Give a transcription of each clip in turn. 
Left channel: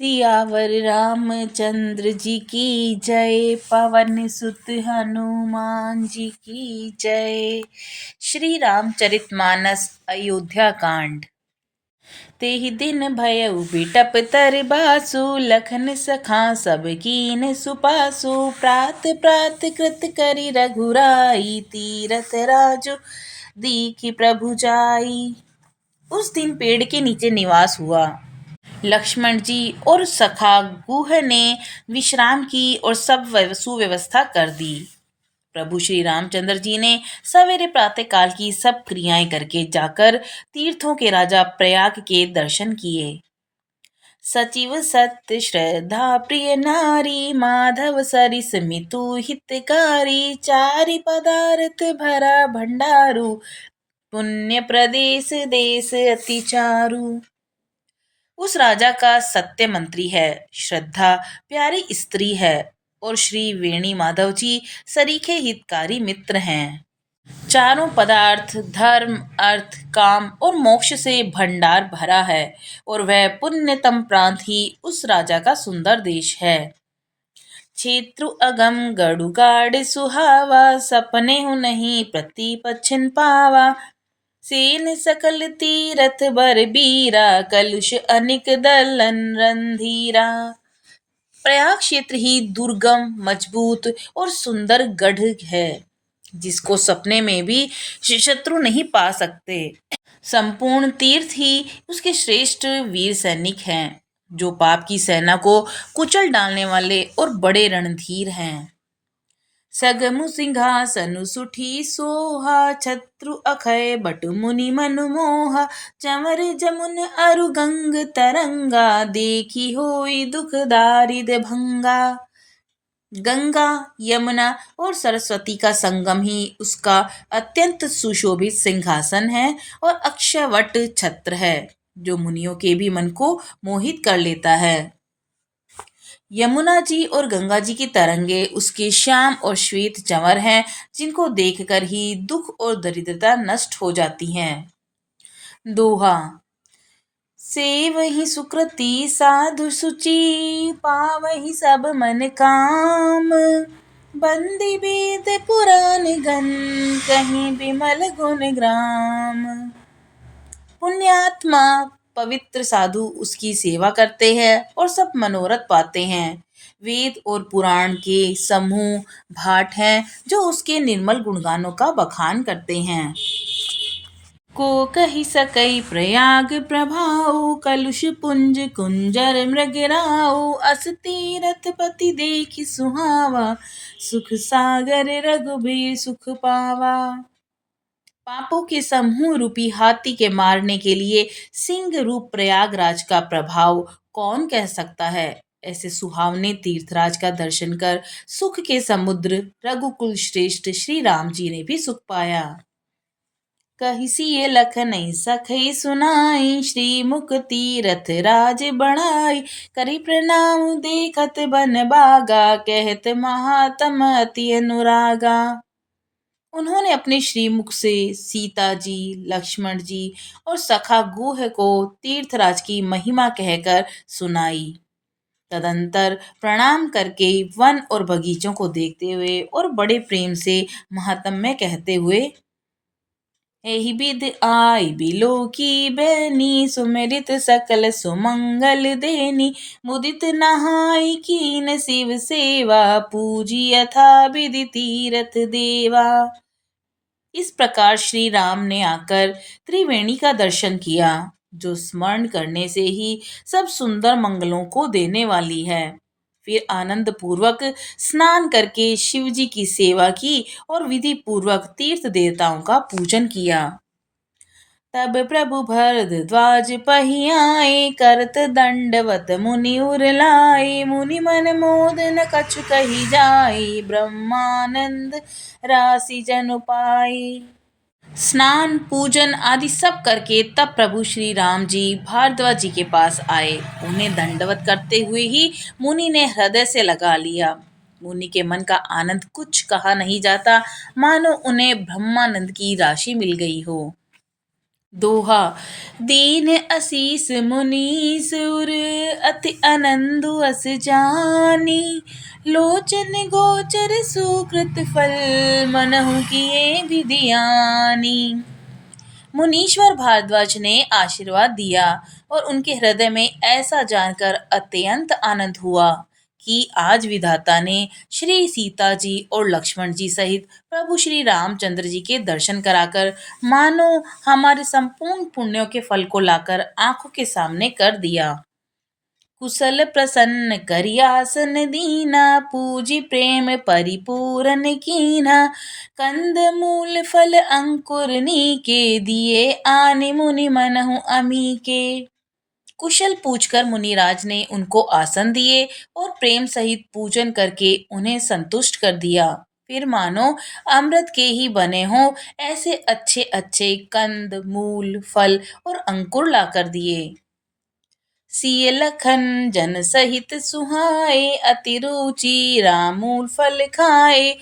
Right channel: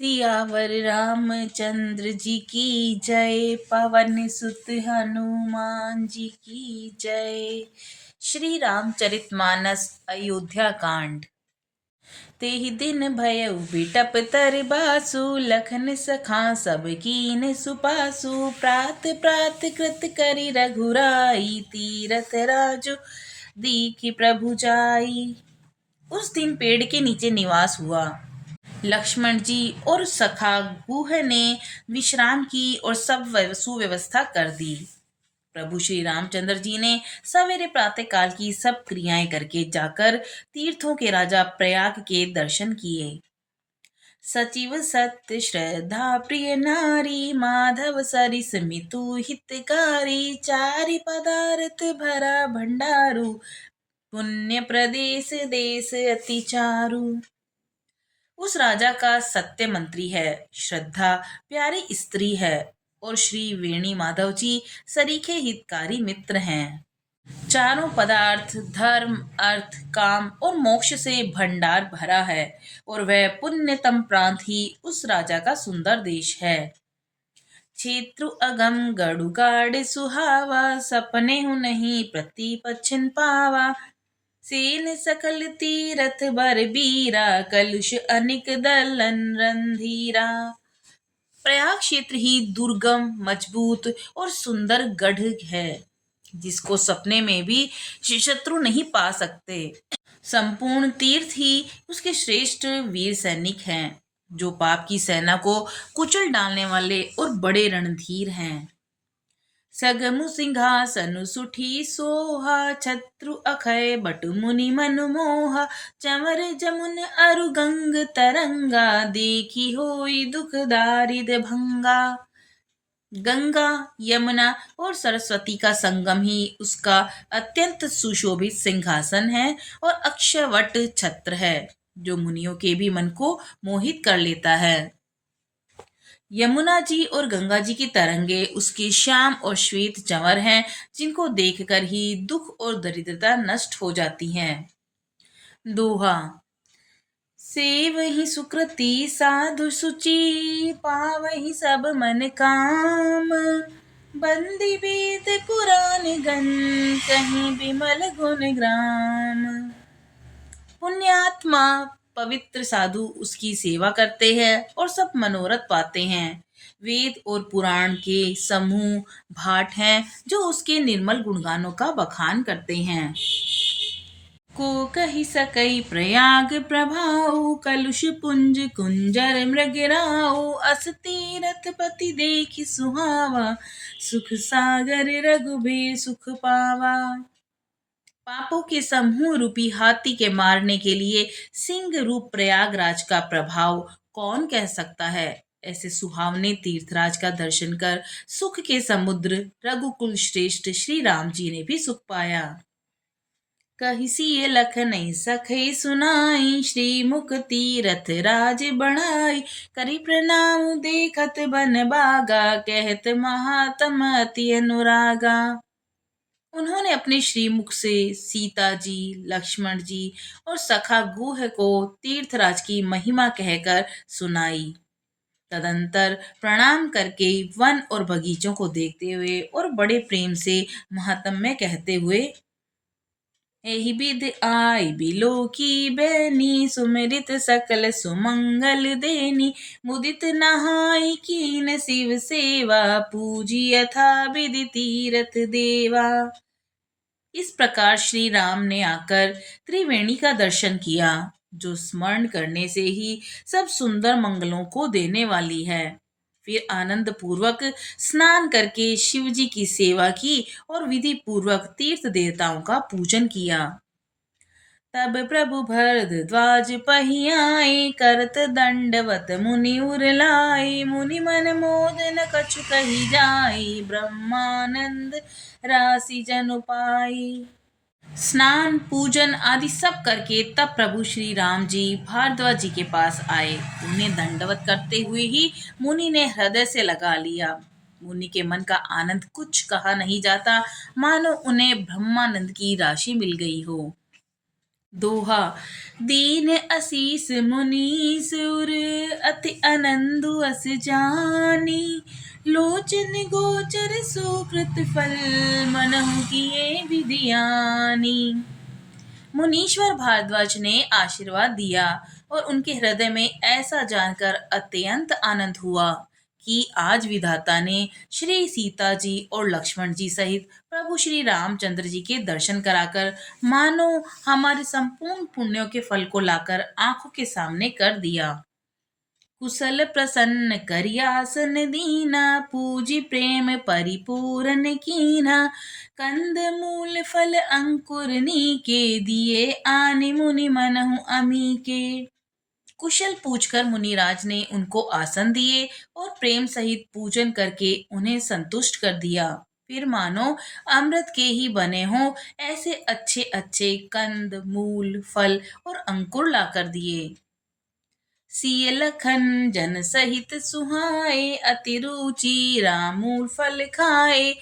सियावर रामचंद्र जी की जय। पवन सुत हनुमान जी की जय। श्री रामचरितमानस अयोध्या कांड। तेहि दिन भयउ बिटप तर बासु। लखन सखा सब कीन सुपासु। प्रात प्रात कृत करि रघुराई। तीरथ राजु दीखि प्रभु जाई। उस दिन पेड़ के नीचे निवास हुआ। लक्ष्मण जी और सखा गुह ने विश्राम की और सब सुव्यवस्था कर दी। प्रभु श्री रामचंद्र जी ने सवेरे प्रातः काल की सब क्रियाएं करके जाकर तीर्थों के राजा प्रयाग के दर्शन किए। सचिव सत्य श्रद्धा प्रिय नारी। माधव सरिस मितु हितकारी। चारि पदार्थ भरा भंडारु। पुण्य प्रदेश देश अति चारु। उस राजा का सत्य मंत्री है, श्रद्धा प्यारी स्त्री है और श्री वेणी माधव जी सरीखे हितकारी मित्र हैं। चारों पदार्थ धर्म अर्थ काम और मोक्ष से भंडार भरा है और वह पुण्यतम प्रांत ही उस राजा का सुंदर देश है। क्षेत्रु अगम गढ़ुगाड़ सुहावा। सपने हूँ नहीं प्रतिपच्छन पावा। सेन सकल तीरथ बर बीरा। कलुष अनिक दलन रणधीरा। प्रयाग क्षेत्र ही दुर्गम मजबूत और सुंदर गढ़ है जिसको सपने में भी शत्रु नहीं पा सकते। संपूर्ण तीर्थ ही उसके श्रेष्ठ वीर सैनिक हैं जो पाप की सेना को कुचल डालने वाले और बड़े रणधीर हैं। सगमु सिंहासनु सुठी सोहा। छत्रु अखय बटु मुनि मनु मोहा। चंवर जमुन अरु गंग तरंगा। देखी होई दुख दारिद भंगा। गंगा यमुना और सरस्वती का संगम ही उसका अत्यंत सुशोभित सिंहासन है और अक्षयवट छत्र है जो मुनियों के भी मन को मोहित कर लेता है। यमुना जी और गंगा जी की तरंगे उसके श्याम और श्वेत चंवर हैं जिनको देखकर ही दुख और दरिद्रता नष्ट हो जाती हैं। दोहा। सेवहि सुकृति साधु सुचि। पावहि सब मन काम। बंदी वेद पुराण गण। कहीं बिमल गुण ग्राम। पुण्यात्मा पवित्र साधु उसकी सेवा करते हैं और सब मनोरथ पाते हैं। वेद और पुराण के समूह भाट हैं जो उसके निर्मल गुणगानों का बखान करते हैं। को कहि सकई प्रयाग प्रभाऊ। कलुष पुंज कुंजर मृगराऊ। अस तीरथ पति देखि सुहावा। सुख सागर रघुबीर सुख पावा। पापों के समूह रूपी हाथी के मारने के लिए सिंह रूप प्रयागराज का प्रभाव कौन कह सकता है। ऐसे सुहावने तीर्थराज का दर्शन कर सुख के समुद्र रघुकुल श्रेष्ठ श्री राम जी ने भी सुख पाया। कहिसिए लखनई सखई सुनाई। श्री मुख तीरथ राज बढ़ाई। करि प्रणाम देखत बन बागा। कहत महात्म अति अनुरागा। उन्होंने अपने श्रीमुख से सीता जी लक्ष्मण जी और सखा गुह को तीर्थराज की महिमा कहकर सुनाई। तदंतर प्रणाम करके वन और बगीचों को देखते हुए और बड़े प्रेम से महात्म्य कहते हुए एहि विध आई बिलो की बैनी। सुमिरित सकल सुमंगल देनी। मुदित नहाई कीन शिव सेवा। पूजी यथा विधि तीरथ देवा। इस प्रकार श्री राम ने आकर त्रिवेणी का दर्शन किया जो स्मरण करने से ही सब सुंदर मंगलों को देने वाली है। फिर आनंद पूर्वक स्नान करके शिव जी की सेवा की और विधि पूर्वक तीर्थ देवताओं का पूजन किया। तब प्रभु भरद्वाज पहियाए। करत दंडवत मुनि उर लाए। मुनि मन मोद न कछु कही जाए। ब्रह्मानंद राशि जनु पाई। स्नान पूजन आदि सब करके तब प्रभु श्री राम जी भारद्वाज जी के पास आए। उन्हें दंडवत करते हुए ही मुनि ने हृदय से लगा लिया। मुनि के मन का आनंद कुछ कहा नहीं जाता, मानो उन्हें ब्रह्मानंद की राशि मिल गई हो। दोहा। दीन असीस मुनीस उर अति आनंदु अस जानी, लोचन गोचर सुकृत फल मनहु किए विधियानी। मुनीश्वर भारद्वाज ने आशीर्वाद दिया और उनके हृदय में ऐसा जानकर अत्यंत आनंद हुआ कि आज विधाता ने श्री सीता जी और लक्ष्मण जी सहित प्रभु श्री रामचंद्र जी के दर्शन कराकर मानो हमारे संपूर्ण पुण्यों के फल को लाकर आंखों के सामने कर दिया। कुशल प्रसन्न करियासन दीना, पूजी प्रेम परिपूरन कीना, कंद मूल फल अंकुर नीके, दिए आने मुनि मनहु अमी के। कुशल पूछकर मुनिराज ने उनको आसन दिए और प्रेम सहित पूजन करके उन्हें संतुष्ट कर दिया। फिर मानो अमृत के ही बने हों ऐसे अच्छे अच्छे कंद मूल फल और अंकुर ला कर दिए। सिय लखन जन सहित सुहाए, अति रुचि रामूल फल खाए,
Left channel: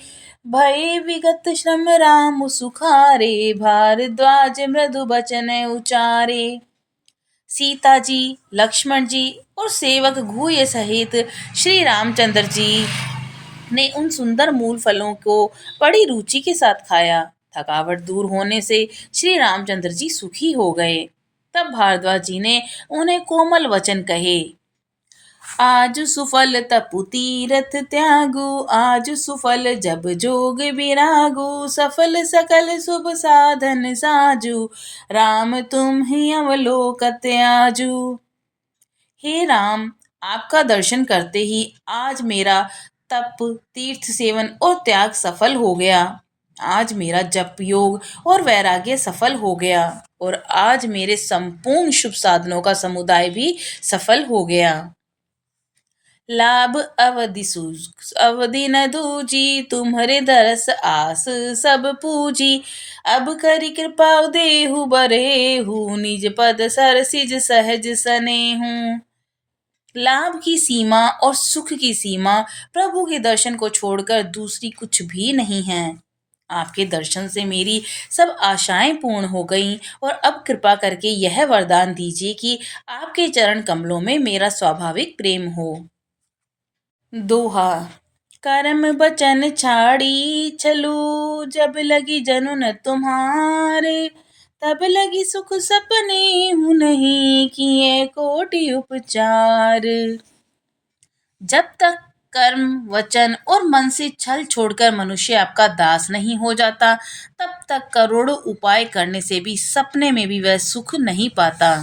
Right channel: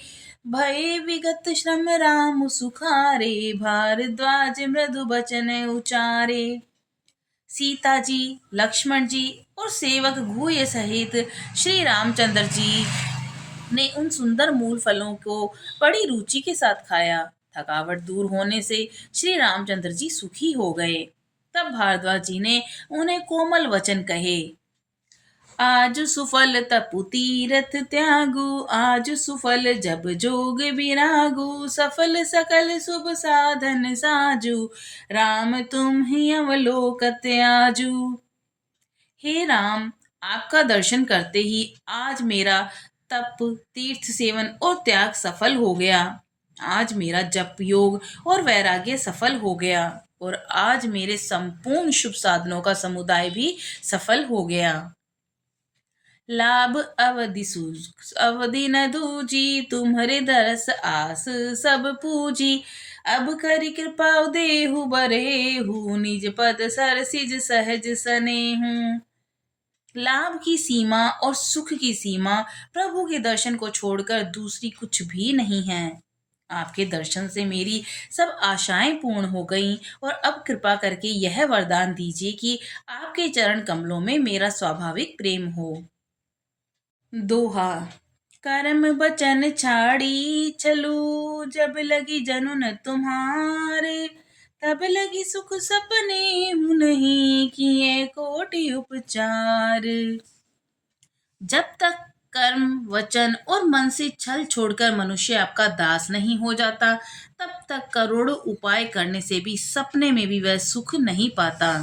भय विगत श्रम राम सुखारे, भारद्वाज मृदु बचन उचारे। सीता जी, लक्ष्मण जी और सेवक घूय सहित श्री रामचंद्र जी ने उन सुंदर मूल फलों को बड़ी रुचि के साथ खाया। थकावट दूर होने से श्री रामचंद्र जी सुखी हो गए। तब भारद्वाज जी ने उन्हें कोमल वचन कहे। आज सुफल तपु तीरथ त्यागु, आज सुफल जब जोग विरागु, सफल सकल शुभ साधन साजु, राम तुम ही अवलोकत आजू। हे राम, आपका दर्शन करते ही आज मेरा तप तीर्थ सेवन और त्याग सफल हो गया। आज मेरा जप योग और वैराग्य सफल हो गया और आज मेरे संपूर्ण शुभ साधनों का समुदाय भी सफल हो गया। लाभ अवधि अवधि न दूजी, तुम्हारे दरस आस सब पूजी, अब करी कृपा देहु बरेहु, निज पद सरसिज सहज सनेहु। लाभ की सीमा और सुख की सीमा प्रभु के दर्शन को छोड़कर दूसरी कुछ भी नहीं है। आपके दर्शन से मेरी सब आशाएं पूर्ण हो गईं और अब कृपा करके यह वरदान दीजिए कि आपके चरण कमलों में मेरा स्वाभाविक प्रेम हो। दोहा। कर्म बचन छाड़ी छलू, जब लगी जनु न तुम्हारे, तब लगी सुख सपने हूँ नहीं, किए कोटि उपचार। जब तक कर्म वचन और मन से छल छोड़कर मनुष्य आपका दास नहीं हो जाता, तब तक करोड़ों उपाय करने से भी सपने में भी वह सुख नहीं पाता।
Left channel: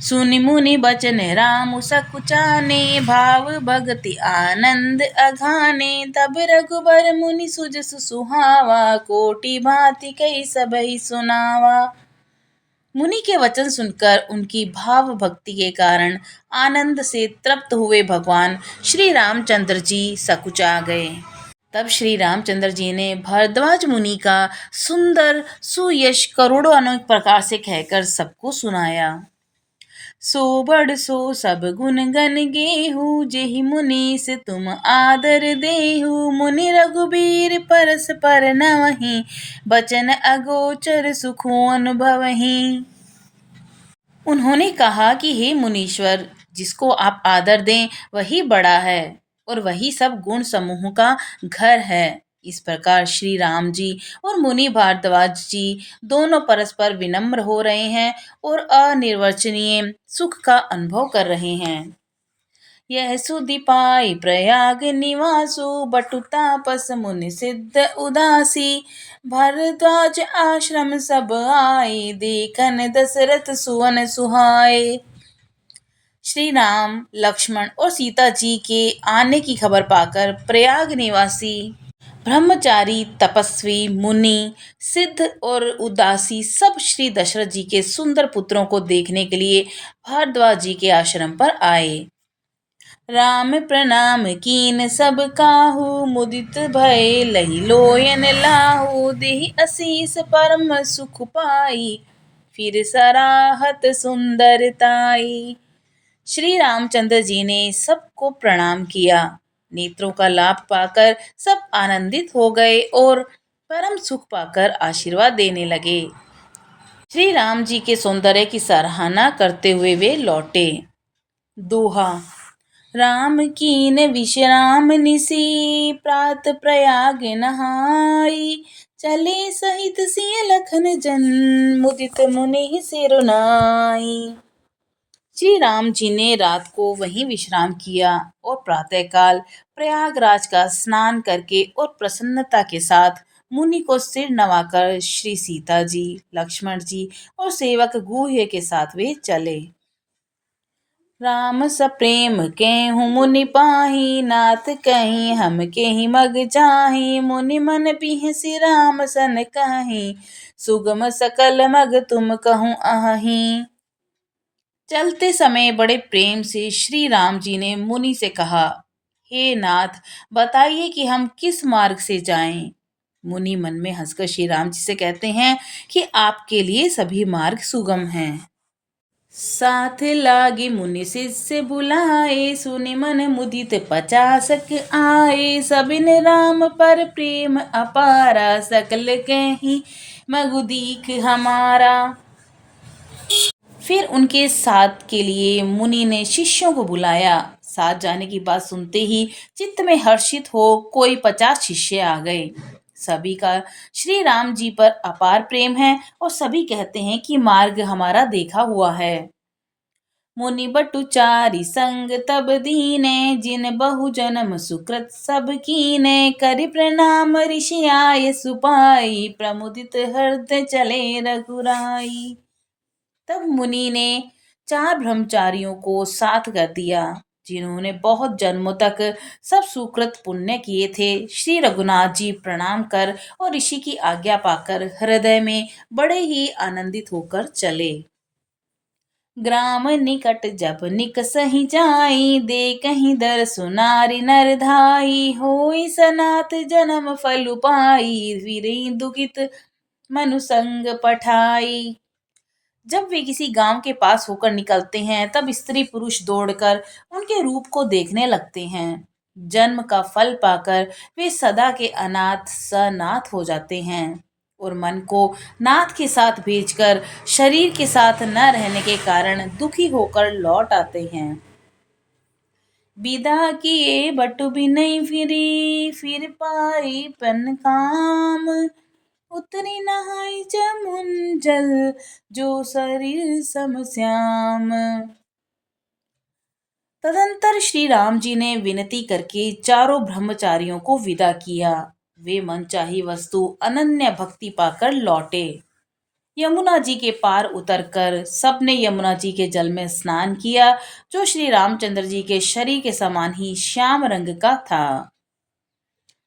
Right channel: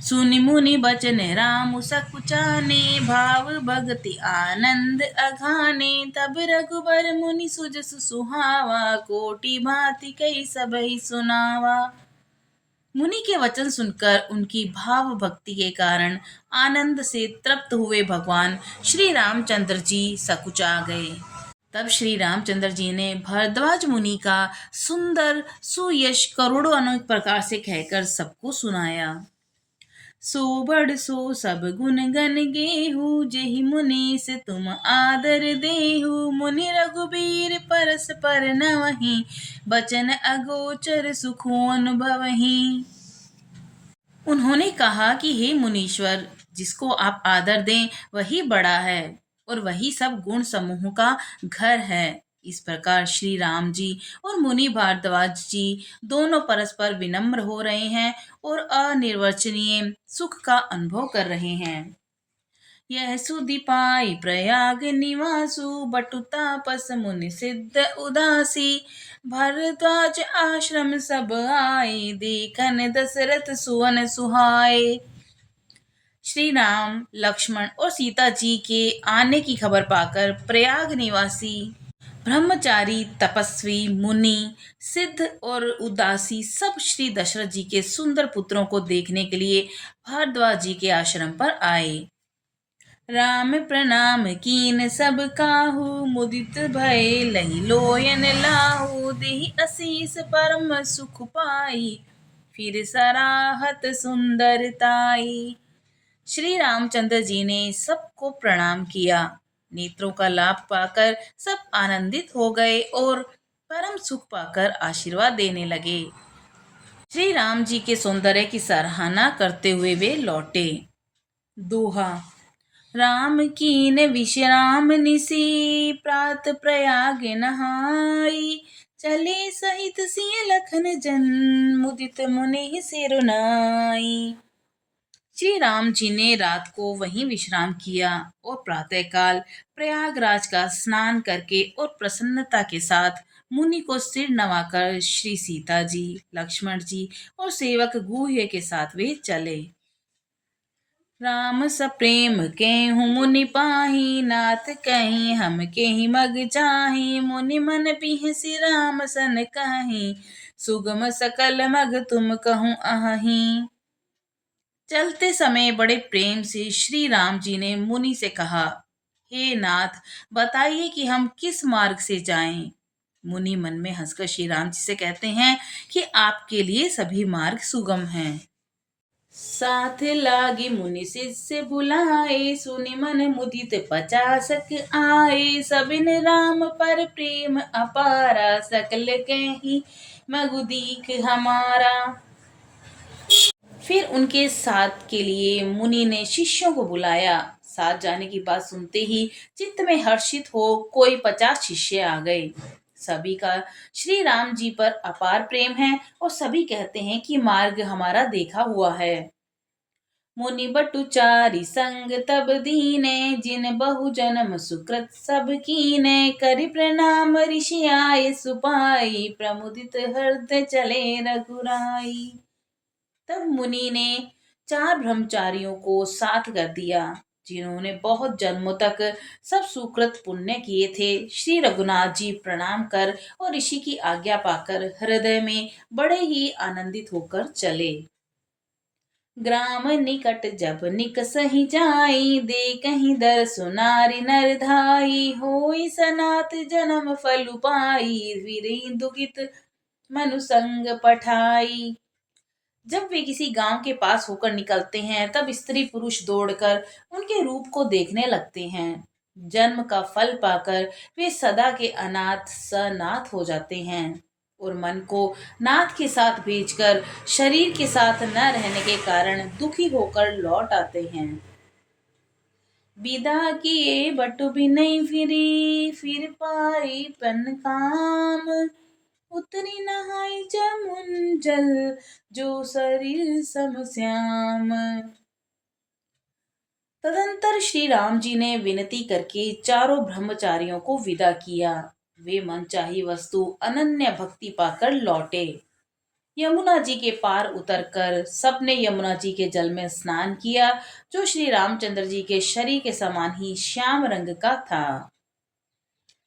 सुनि मुनि बचन राम सकुचाने, भाव भगति आनंद अघाने, तब रघुबर मुनि सुजसु सुहावा, कोटि भांति कई सबहि सुनावा। मुनि के वचन सुनकर उनकी भाव भक्ति के कारण आनंद से तृप्त हुए भगवान श्री रामचंद्र जी सकुचा गए। तब श्री रामचंद्र जी ने भारद्वाज मुनि का सुंदर सुयश करोड़ों अनेक प्रकार से कहकर सबको सुनाया। सो बड़ सो सब गुण गन गेहू, जेहि मुनीस तुम आदर देहु, मुनि रघुबीर परस पर नवहि, बचन अगोचर सुखो अनुभवहि। उन्होंने कहा कि हे मुनीश्वर, जिसको आप आदर दें वही बड़ा है और वही सब गुण समूह का घर है। इस प्रकार श्री राम जी और मुनि भारद्वाज जी दोनों परस्पर विनम्र हो रहे हैं और अनिर्वचनीय सुख का अनुभव कर रहे हैं। यह सुधि पाई प्रयाग निवासु, बटु तापस मुनि सिद्ध उदासी, भरद्वाज आश्रम सब आए, देखन दशरथ सुवन सुहाए। श्री राम लक्ष्मण और सीता जी के आने की खबर पाकर प्रयाग निवासी ब्रह्मचारी तपस्वी मुनि सिद्ध और उदासी सब श्री दशरथ जी के सुंदर पुत्रों को देखने के लिए भारद्वाज जी के आश्रम पर आए। राम प्रणाम कीन सब काहू, मुदित भय लही लोयन लाहू, देहि असीस परम सुख पाई, फिर सराहत सुंदरताई। श्री रामचंद्र जी ने सबको प्रणाम किया। नेत्रों का लाभ पाकर सब आनंदित हो गए और परम सुख पाकर आशीर्वाद देने लगे। श्री राम जी के सौंदर्य की सराहना करते हुए वे लौटे। दोहा। राम कीन विश्राम निसी, प्रात प्रयाग नहाई। चले सहित सिय लखन जन, मुदित मुनि सिरुनाई। श्री राम जी ने रात को वहीं विश्राम किया और प्रातःकाल प्रयागराज का स्नान करके और प्रसन्नता के साथ मुनि को सिर नवाकर श्री सीता जी, लक्ष्मण जी और सेवक गुह्य के साथ वे चले। राम सप्रेम केहूँ मुनि पाही, नाथ कहीं हम के ही मग चाही। मुनि मन बिहसि राम सन कहीं, सुगम सकल मग तुम कहूँ अहि। चलते समय बड़े प्रेम से श्री राम जी ने मुनि से कहा, हे नाथ, बताइए कि हम किस मार्ग से जाएं। मुनि मन में हंसकर श्री राम जी से कहते हैं कि आपके लिए सभी मार्ग सुगम हैं। साथ लागे मुनि शिष्य बुलाए, सुनि मन मुदित 50 आए। सबिन राम पर प्रेम अपारा, सकल कहीं मगु दीख हमारा। फिर उनके साथ के लिए मुनि ने शिष्यों को बुलाया। साथ जाने की बात सुनते ही चित्त में हर्षित हो कोई 50 शिष्य आ गए। सभी का श्री राम जी पर अपार प्रेम है और सभी कहते हैं कि मार्ग हमारा देखा हुआ है। मुनि बटु चारि संग तब दीने, जिन बहु जन्म सुकृत सब कीने। करि प्रणाम ऋषि आए सुपाई, प्रमुदित हृदय चले रघुराई। तब मुनि ने 4 ब्रह्मचारियों को साथ कर दिया, जिन्होंने बहुत जन्मों तक सब सुकृत पुण्य किए थे। श्री रघुनाथ जी प्रणाम कर और ऋषि की आज्ञा पाकर हृदय में बड़े ही आनंदित होकर चले। ग्राम निकट जब निकसहि जाई, देखहि दरसु नारि नर धाई। होई सनाथ जन्म फल पाई, वीरें दुखित मनु संग पठाई। जब वे किसी गांव के पास होकर निकलते हैं तब स्त्री पुरुष दौड़कर उनके रूप को देखने लगते हैं। जन्म का फल पाकर वे सदा के अनाथ सनाथ हो जाते हैं और मन को नाथ के साथ भेजकर शरीर के साथ न रहने के कारण दुखी होकर लौट आते हैं। विदा किए बटु भी नहीं फिरी, फिर पाई पन काम। उतरी नहाई जमुन जल, जो शरीर सम श्याम। तदंतर श्री राम जी ने विनती करके चारों ब्रह्मचारियों को विदा किया। वे मनचाही वस्तु अनन्य भक्ति पाकर लौटे। यमुना जी के पार उतरकर सबने यमुना जी के जल में स्नान किया, जो श्री रामचंद्र जी के शरीर के समान ही श्याम रंग का था।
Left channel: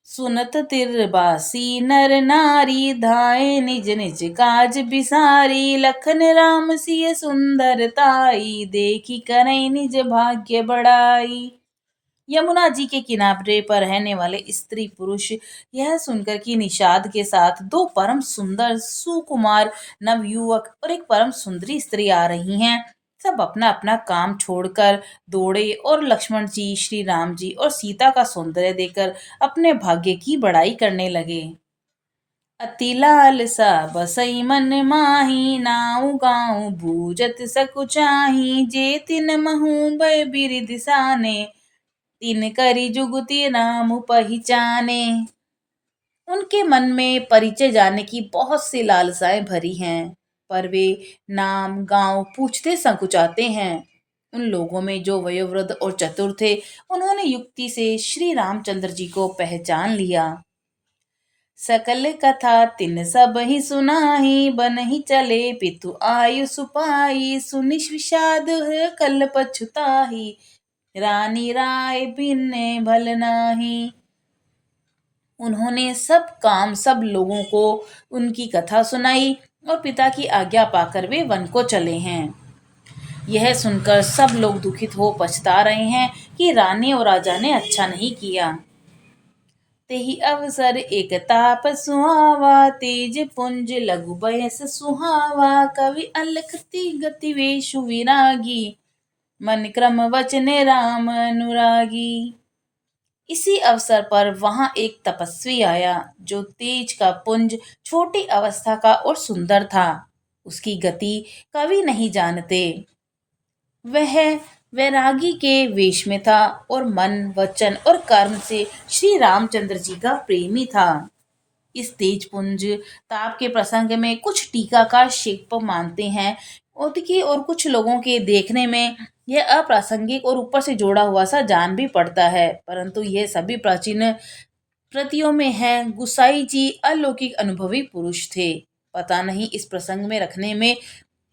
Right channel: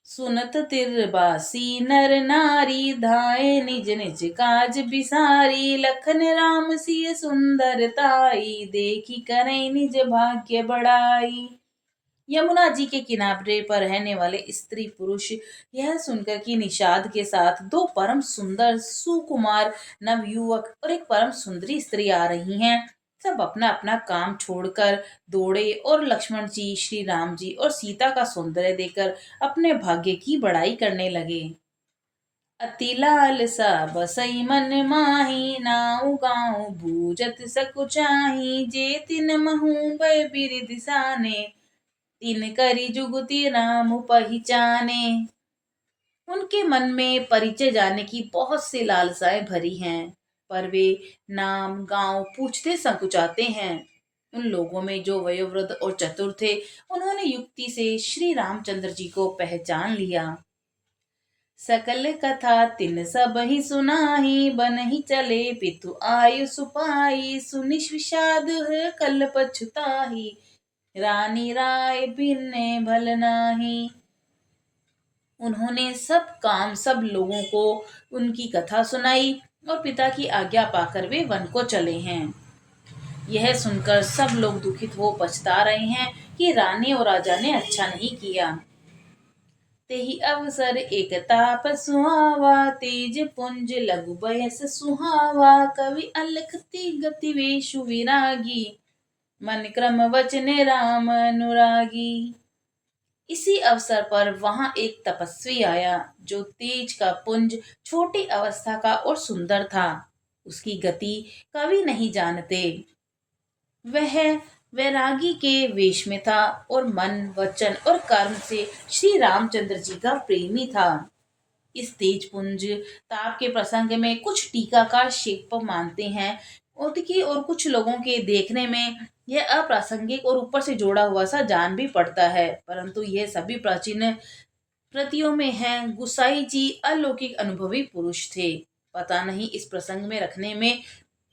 सुनत तिरबासी नर नारी, धाये निज निज काज बिसारी। लखन राम सिय सुंदरताई, देखी करई निज भाग्य बढ़ाई। यमुना जी के किनारे पर रहने वाले स्त्री पुरुष यह सुनकर कि निषाद के साथ 2 परम सुंदर सुकुमार नवयुवक और एक परम सुंदरी स्त्री आ रही हैं, सब अपना अपना काम छोड़कर दौड़े और लक्ष्मण जी, श्री राम जी और सीता का सौंदर्य देखकर अपने भाग्य की बड़ाई करने लगे। अति लालसा बसई मन माही, नाउ गाँव बूझत सकुचाही। जे तिन महु भय बिरिधि साने, तिन करी जुगति राम पहचाने। उनके मन में परिचय जाने की बहुत सी लालसाएं भरी हैं, पर वे नाम गांव पूछते संकुचाते हैं। उन लोगों में जो वयोवृद्ध और चतुर थे, उन्होंने युक्ति से श्री रामचंद्र जी को पहचान लिया। सकल कथा तिन सब ही सुनाही, बन ही चले पितु आयु सुपाई। सुनि विषाद है कल पछुताही, रानी राय भिन्ने भल नाही। उन्होंने सब काम सब लोगों को उनकी कथा सुनाई और पिता की आज्ञा पाकर वे वन को चले हैं। यह सुनकर सब लोग दुखित हो पछता रहे हैं कि रानी और राजा ने अच्छा नहीं किया। तेहि अवसर एक ताप सुहावा, तेज पुंज लघु बयस सुहावा। कवि अलखति गति वेशु विरागी, मन क्रम वचन राम अनुरागी। इसी अवसर पर वहां एक तपस्वी आया, जो तेज का पुंज, छोटी अवस्था का और सुंदर था। उसकी गति कवि नहीं जानते। वह वैरागी के वेश में था और मन, वचन और कर्म से श्री रामचंद्र जी का प्रेमी था। इस तेजपुंज ताप के प्रसंग में कुछ टीकाकार शिल्प मानते हैं और कुछ लोगों के देखने में यह अप्रासंगिक और ऊपर से जोड़ा हुआ सा जान भी पड़ता है, परंतु यह सभी प्राचीन कृतियों में है। गुसाई जी अलौकिक अनुभवी पुरुष थे। पता नहीं इस प्रसंग में रखने में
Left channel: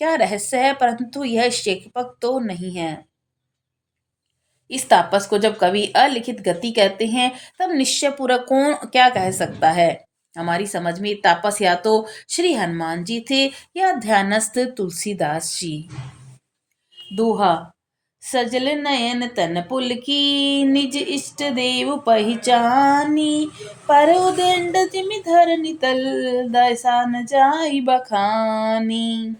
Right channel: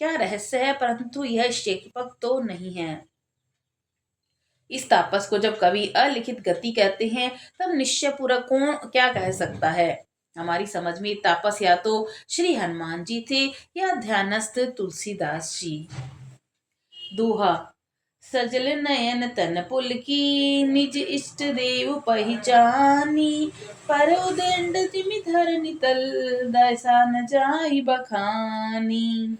क्या रहस्य है, परंतु यह शेकपक तो नहीं है। इस तापस को जब कवि अलिखित गति कहते हैं, तब निश्चय पूर्वक कौन क्या कह सकता है। हमारी समझ में तापस या तो श्री हनुमान जी थे या ध्यानस्थ तुलसीदास जी। दोहा। सजल नयन तन पुलकी, निज इष्ट देव पहिचानी। पर उदंड तिमि धरनी तल, दैसा न जाई बखानी।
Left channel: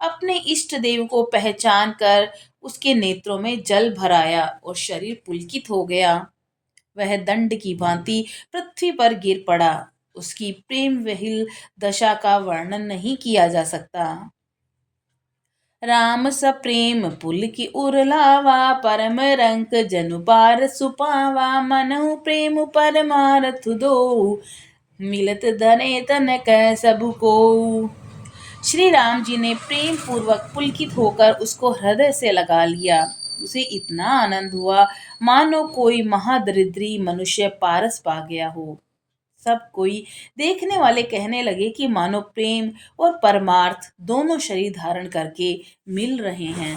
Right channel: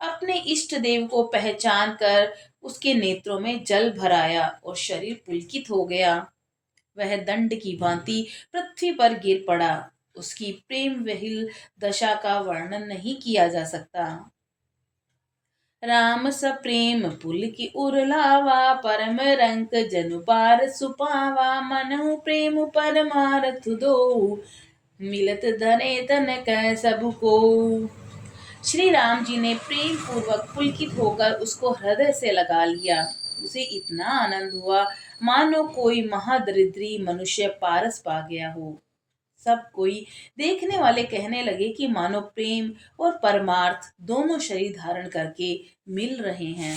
अपने इष्ट देव को पहचान कर उसके नेत्रों में जल भराया और शरीर पुलकित हो गया। वह दंड की भांति पृथ्वी पर गिर पड़ा। उसकी प्रेम विहिल दशा का वर्णन नहीं किया जा सकता। राम सप्रेम पुलकी उरलावा, परम रंक जनु पार सुपावा। मनहु प्रेम परमारथ दो, मिलत धने तन कह सब को। श्री राम जी ने प्रेम पूर्वक पुलकित होकर उसको हृदय से लगा लिया। उसे इतना आनंद हुआ मानो कोई महादरिद्री मनुष्य पारस पा गया हो। सब कोई देखने वाले कहने लगे कि मानो प्रेम और परमार्थ दोनों शरीर धारण करके मिल रहे हैं।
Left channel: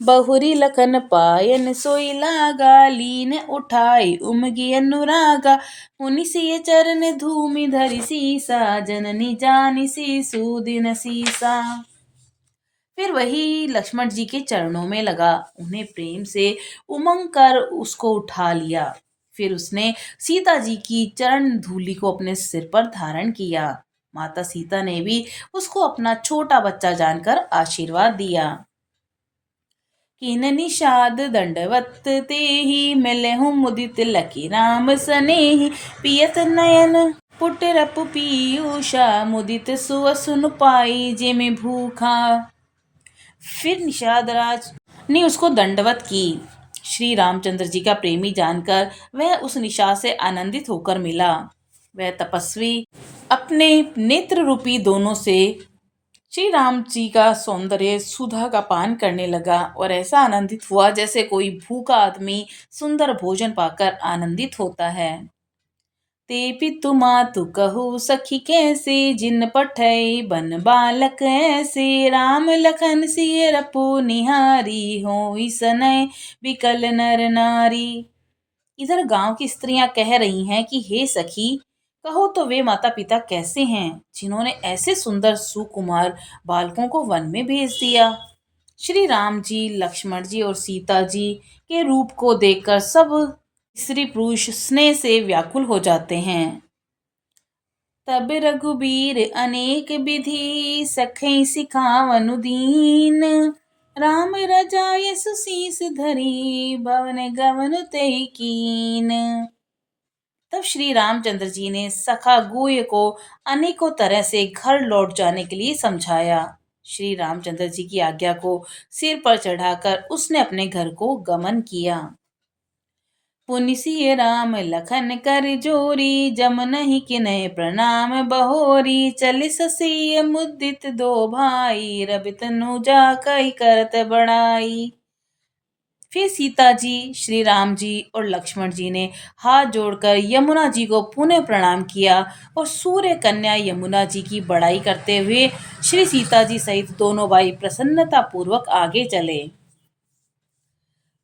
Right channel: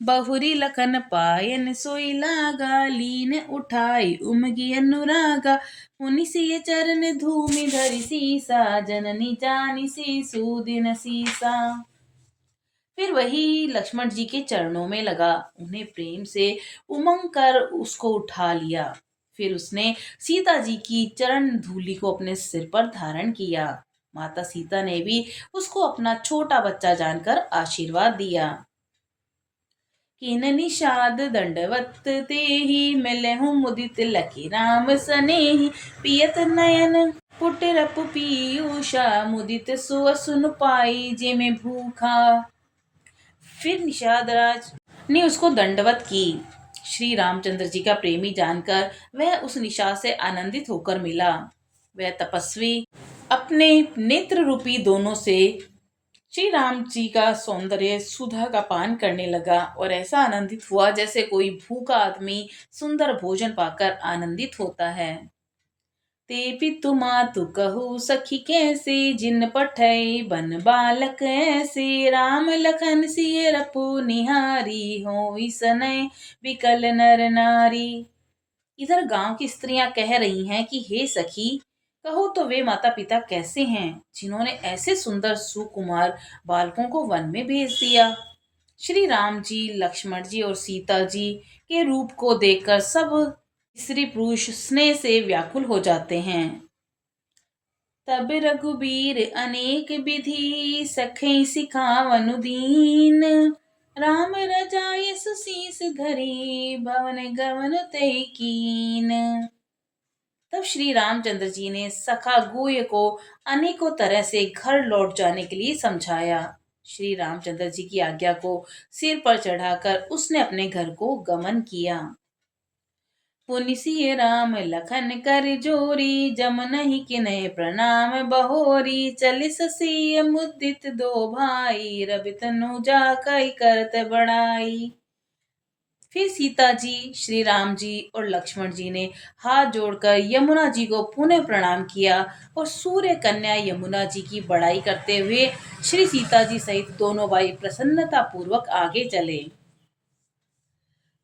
बहुरी लखन पायन सोई लागा, लीन उठाई उमगी अनुरागा। मुनि सिय चरण धूमि धरि सीसा, जननी जानी सी सुदिन सीसा। फिर वही लक्ष्मण जी के चरणों में लगा, उन्हें प्रेम से उमंग कर उसको उठा लिया। फिर उसने सीता जी की चरण धूलि को अपने सिर पर धारण किया। माता सीता ने भी उसको अपना छोटा बच्चा जानकर आशीर्वाद दिया। किन निषाद दंडवत तेहि, मिलहु मुदित लकी राम सनेहि। पियत नयन पुटरप पीयूषा, मुदित सुवसुन पाई जेमे भूखा। फिर निषाद राज ने उसको दंडवत की। श्री रामचंद्र जी का प्रेमी जानकर वह उस निशा से आनंदित होकर मिला। वह तपस्वी अपने नेत्र रूपी दोनों से श्री राम जी का सौंदर्य सुधा का पान करने लगा और ऐसा आनंदित हुआ जैसे कोई भूखा आदमी सुंदर भोजन पाकर आनंदित होता है। ते पितु मातु कहु सखी कैसे, जिन पठै बन बालक ऐसे। राम लखन सिय रपु निहारी, होई सनय बिकल नर नारी। इधर गांव की स्त्रियां कह रही हैं कि हे सखी, कहो तो वे माता पिता कैसे हैं जिन्होंने ऐसे सुंदर सुकुमार बालकों को वन में भेज दिया। श्री राम जी, लक्ष्मण जी और सीता जी के रूप को देखकर सब स्त्री पुरुष स्नेह से व्याकुल हो जाते हैं। तब रघुबीर अनेक विधि, सखै सिखावनु दीन। राम रजाय सुसीस धरी, भवन गवन तै कीन। तब श्री रामचंद्र जी ने सखा गुह्य को अनेकों तरह से घर लौट जाने के लिए समझाया। श्री रामचंद्र जी की आज्ञा को सिर पर चढ़ाकर उसने अपने घर को गमन किया। पुनि सिय राम लखन कर जोरी, जम नहीं किन्है प्रणाम बहोरी। चल ससिय मुदित दो भाई, रवि तनु जाकई करत बड़ाई। फिर सीता जी, श्री राम जी और लक्ष्मण जी ने हाथ जोड़कर यमुना जी को पुनः प्रणाम किया और सूर्य कन्या यमुना जी की बड़ाई करते हुए श्री सीता जी सहित दोनों भाई प्रसन्नता पूर्वक आगे चले।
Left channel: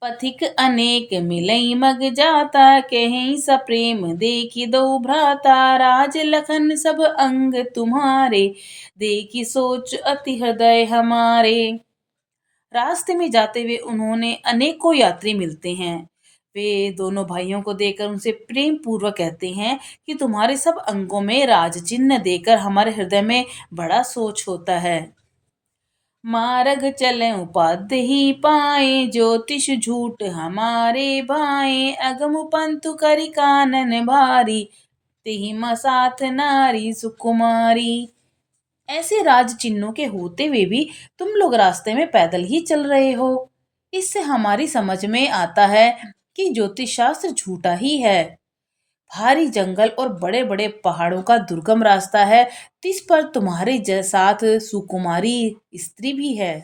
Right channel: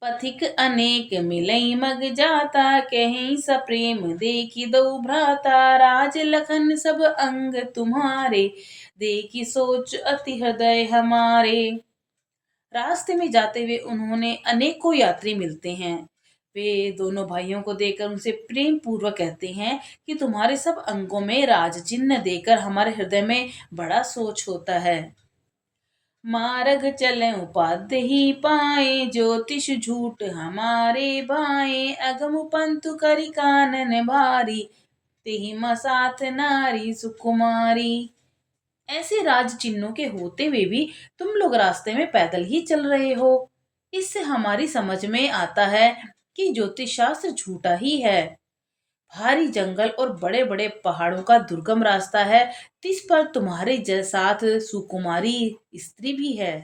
पथिक अनेक मिलई मग जाता, कहीं सप्रेम देखी दो भ्राता। राज लखन सब अंग तुम्हारे, देखी सोच अति हृदय हमारे। रास्ते में जाते हुए उन्होंने अनेकों यात्री मिलते हैं। वे दोनों भाइयों को देखकर उनसे प्रेम पूर्वक कहते हैं कि तुम्हारे सब अंगों में राज चिन्ह देकर हमारे हृदय में बड़ा सोच होता है। मार्ग चले उपाध्य ही पाए, ज्योतिष झूठ हमारे भाए। अगम पंतु करि कानन भारी, तिहि साथ नारी सुकुमारी। ऐसे राज चिन्हों के होते हुए भी तुम लोग रास्ते में पैदल ही चल रहे हो। इससे हमारी समझ में आता है कि ज्योतिष शास्त्र झूठा ही है। भारी जंगल और बड़े बड़े पहाड़ों का दुर्गम रास्ता है, जिस पर तुम्हारे साथ सुकुमारी स्त्री भी है।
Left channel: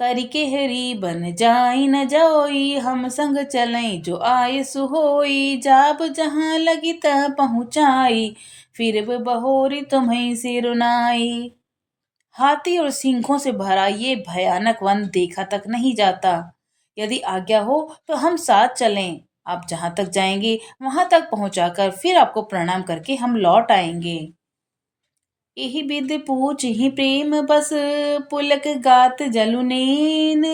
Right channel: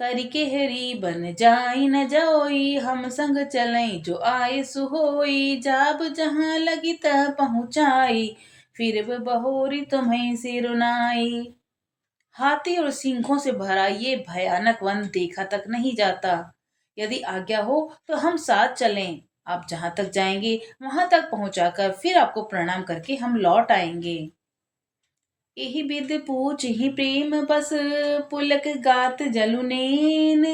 करिकेहरी बन जाई न जाओई, हम संग चलें जो आए सो होई, जाब जहाँ लगी तह पहुँचाई, फिर बहोरी तुम्हें सिरुनाई। हाथी और सिंहों से भरा ये भयानक वन देखा तक नहीं जाता। यदि आज्ञा हो तो हम साथ चलें। आप जहां तक जाएंगे वहां तक पहुंचाकर फिर आपको प्रणाम करके हम लौट आएंगे। यही विद पूछ ही प्रेम बस, पुलक गात जलुनेन,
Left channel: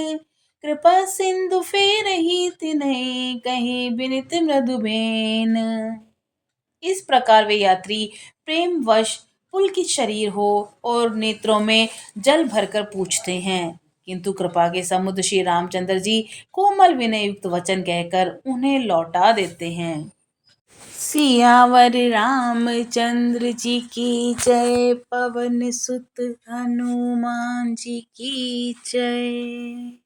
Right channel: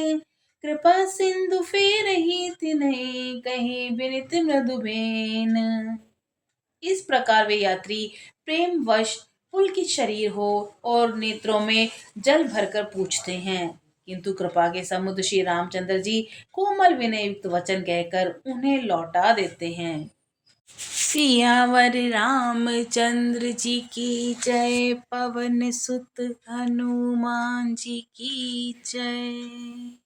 कृपा सिंधु फेर ही तिन्हें, कही बिनित मृदुबेन। इस प्रकार वे यात्री प्रेमवश पुलकित शरीर हो और नेत्रों में जल भरकर पूछते हैं, किंतु कृपा के समुद्र श्री रामचंद्र जी कोमल विनय युक्त वचन कहकर उन्हें लौटा देते हैं। सियावर रामचंद्र जी की जय, पवन सुत हनुमान जी की जय।